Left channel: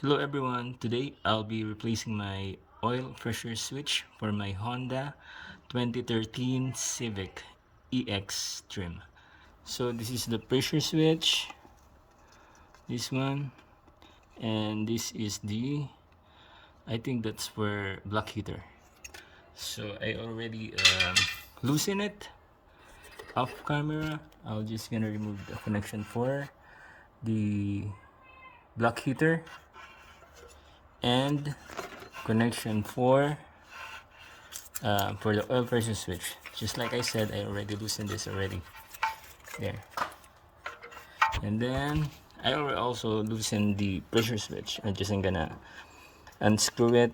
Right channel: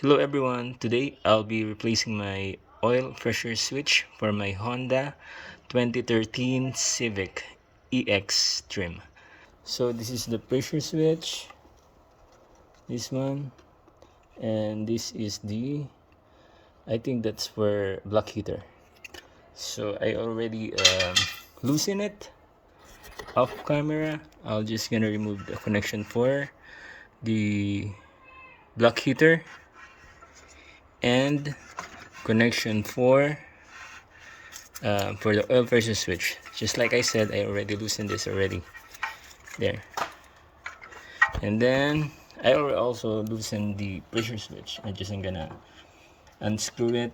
Hello everyone, today I'll be replacing my oil pressure switch for my Honda 2013 Civic EX trim. So this is the pressure switch, this one, and this is the, I think that's for black heater. So I already loosened it off camera. I'll just gonna remove the connection for the black heater and connection for the oil pressure switch. Just like I said, I already loosened this already there, and then I already also loosened the pressure switch. I just am gonna unscrew it.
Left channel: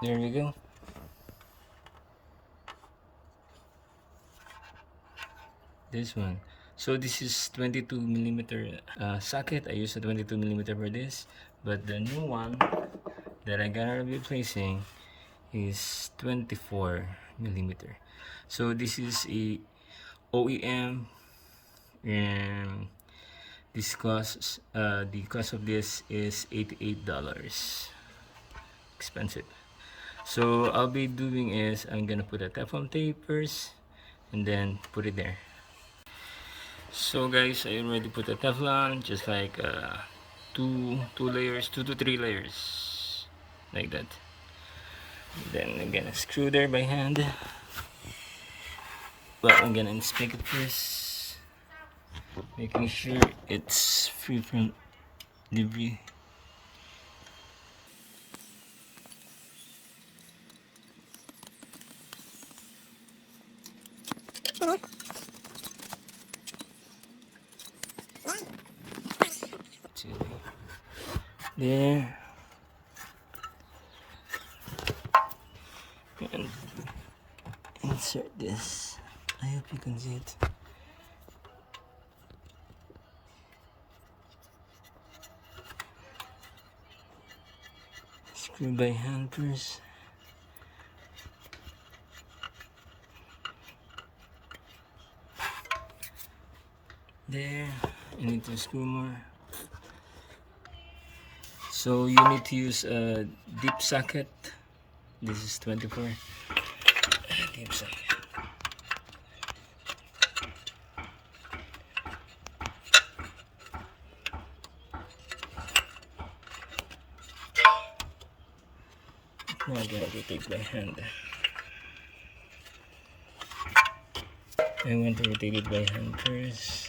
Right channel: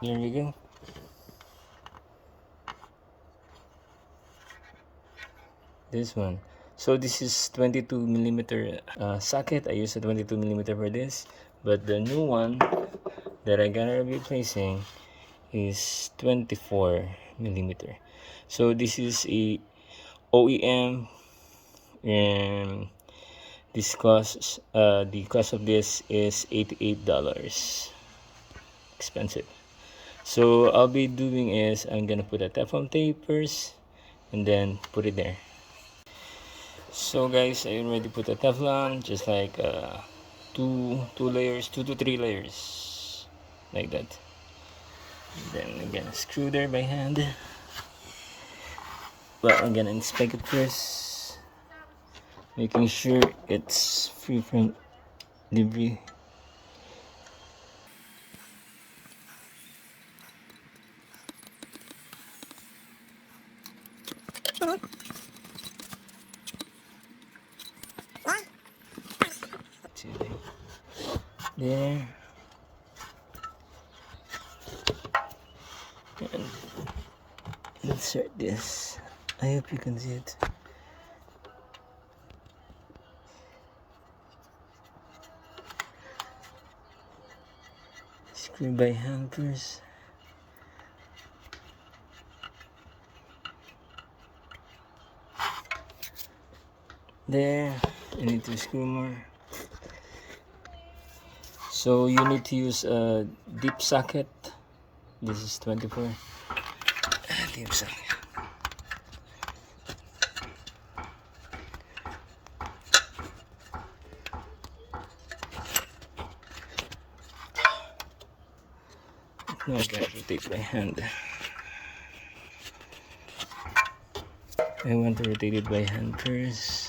There you go. This one. So this is 22 millimeter socket. I use a 22 millimeter for this, but the new one that I'm gonna be replacing is 24 millimeter. So this is a OEM, and this costs the cost of this is $88. Expensive. So I'll be doing is I'm gonna put a Teflon tape first and then put it there. So guys, I already put a Teflon, just like two layers, 2 to 3 layers, like that. Then I'm gonna screw there by hand, but I'm gonna inspect it first, making sure it's free from debris. There, and insert this. I hope you can see it. Screw by hand first. There, I need to screw more. So you need to use a deep socket. This is 24. Deep socket. Now I'm gonna rotate by hand. I want to rotate it by hand first.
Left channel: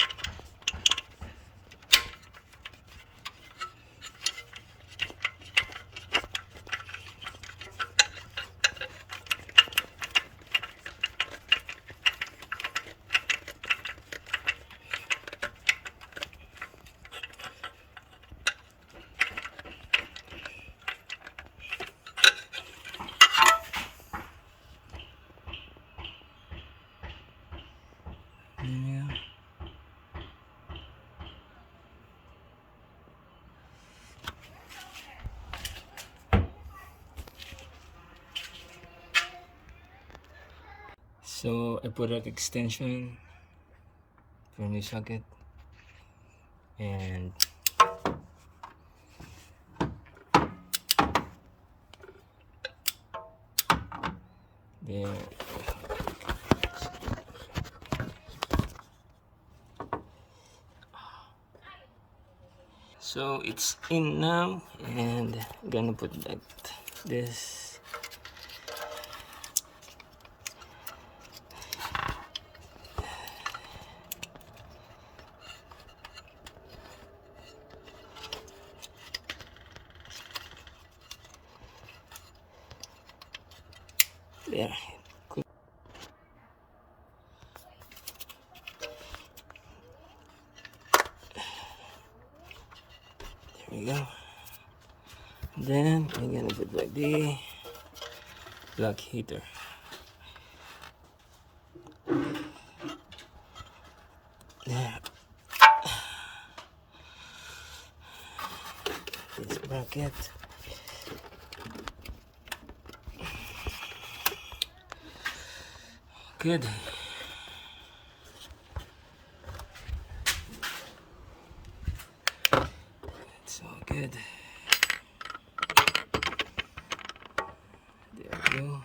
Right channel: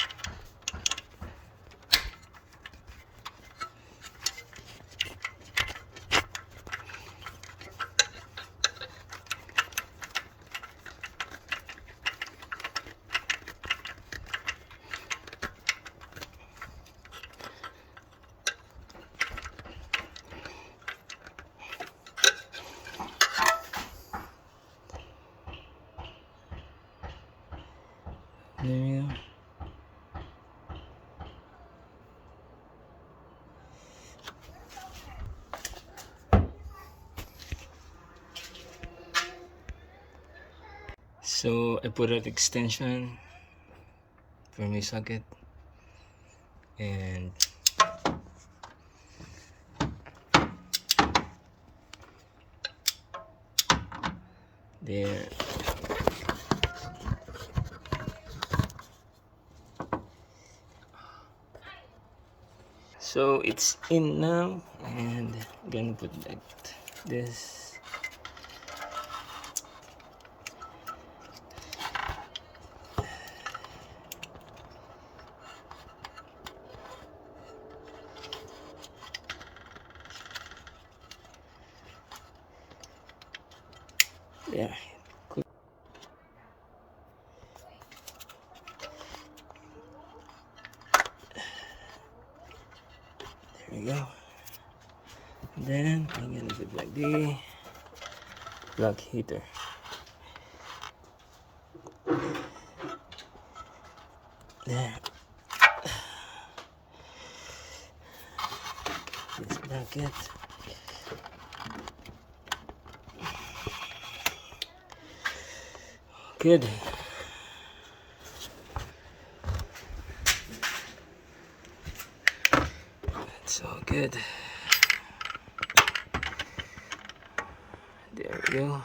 There you go. So I put an extension for my socket, and there. So it's in now, and I'm gonna put that this. There. Cool. There we go. Then I'm gonna put like the black heater. There. This bracket. Good. It's all good. There we go.